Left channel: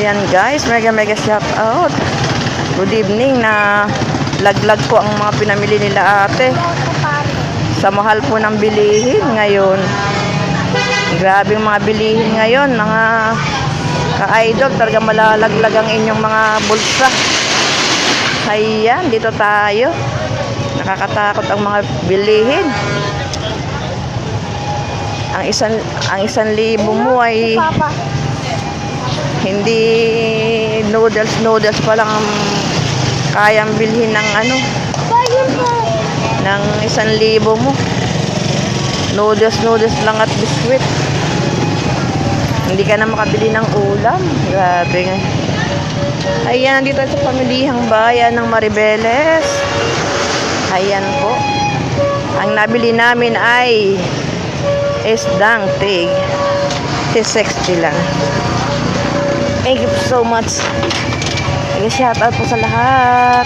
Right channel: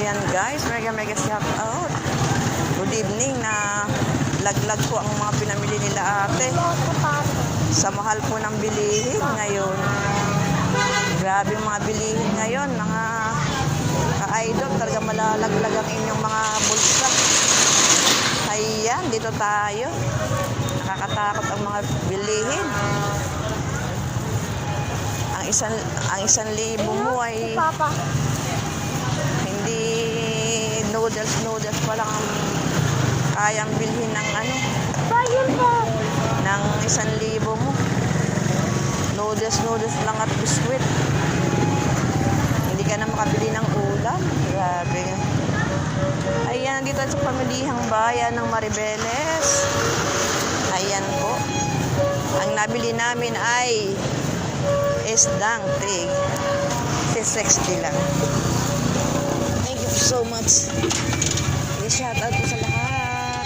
Ayan guys, mega shout out. Good evening na laglag po ang mga pinamili nila ate. Sa mahal po ng bilihin ngayon. Grabe ang mga bilihin ngayon, mga ka-idol. Talaga malalaglag ang inyong mga bulsa. Ayan, dito tayo. Nakakatakot ang mga bilihin. Ang isang libo mo ay hindi noodles pa lang kayang bilhin ng ng 1,000 mo. Noodles lang at biskwit. Hindi ka na makabili ng ulam. Grabe nga. Ayan, dito sa pamilihang bayan ng Maribeles. Ayan po. Ang nabili namin ay isdang tig 60 lang. Thank you so much. Shout out po sa lahat.